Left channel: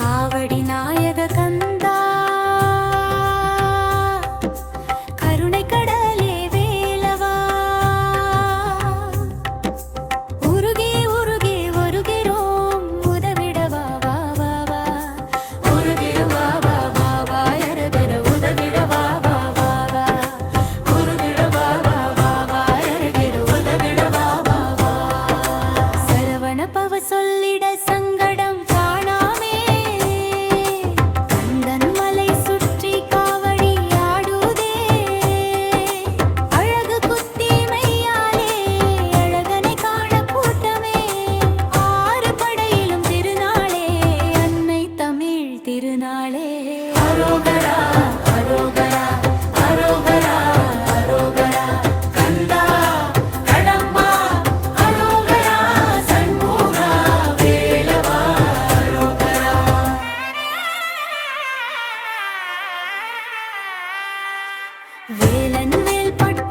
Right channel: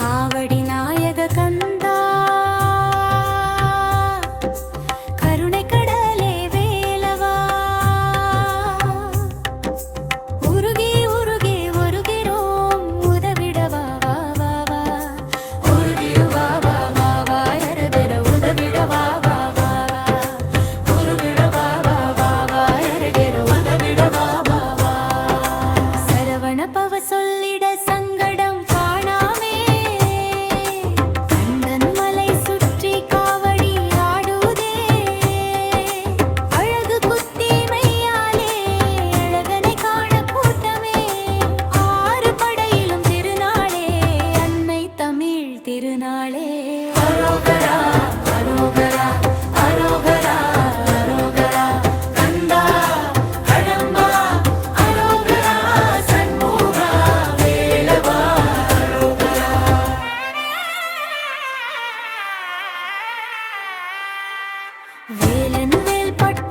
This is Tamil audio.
காவடி நாயக கந்தா. வேலன் வேல் பட்டு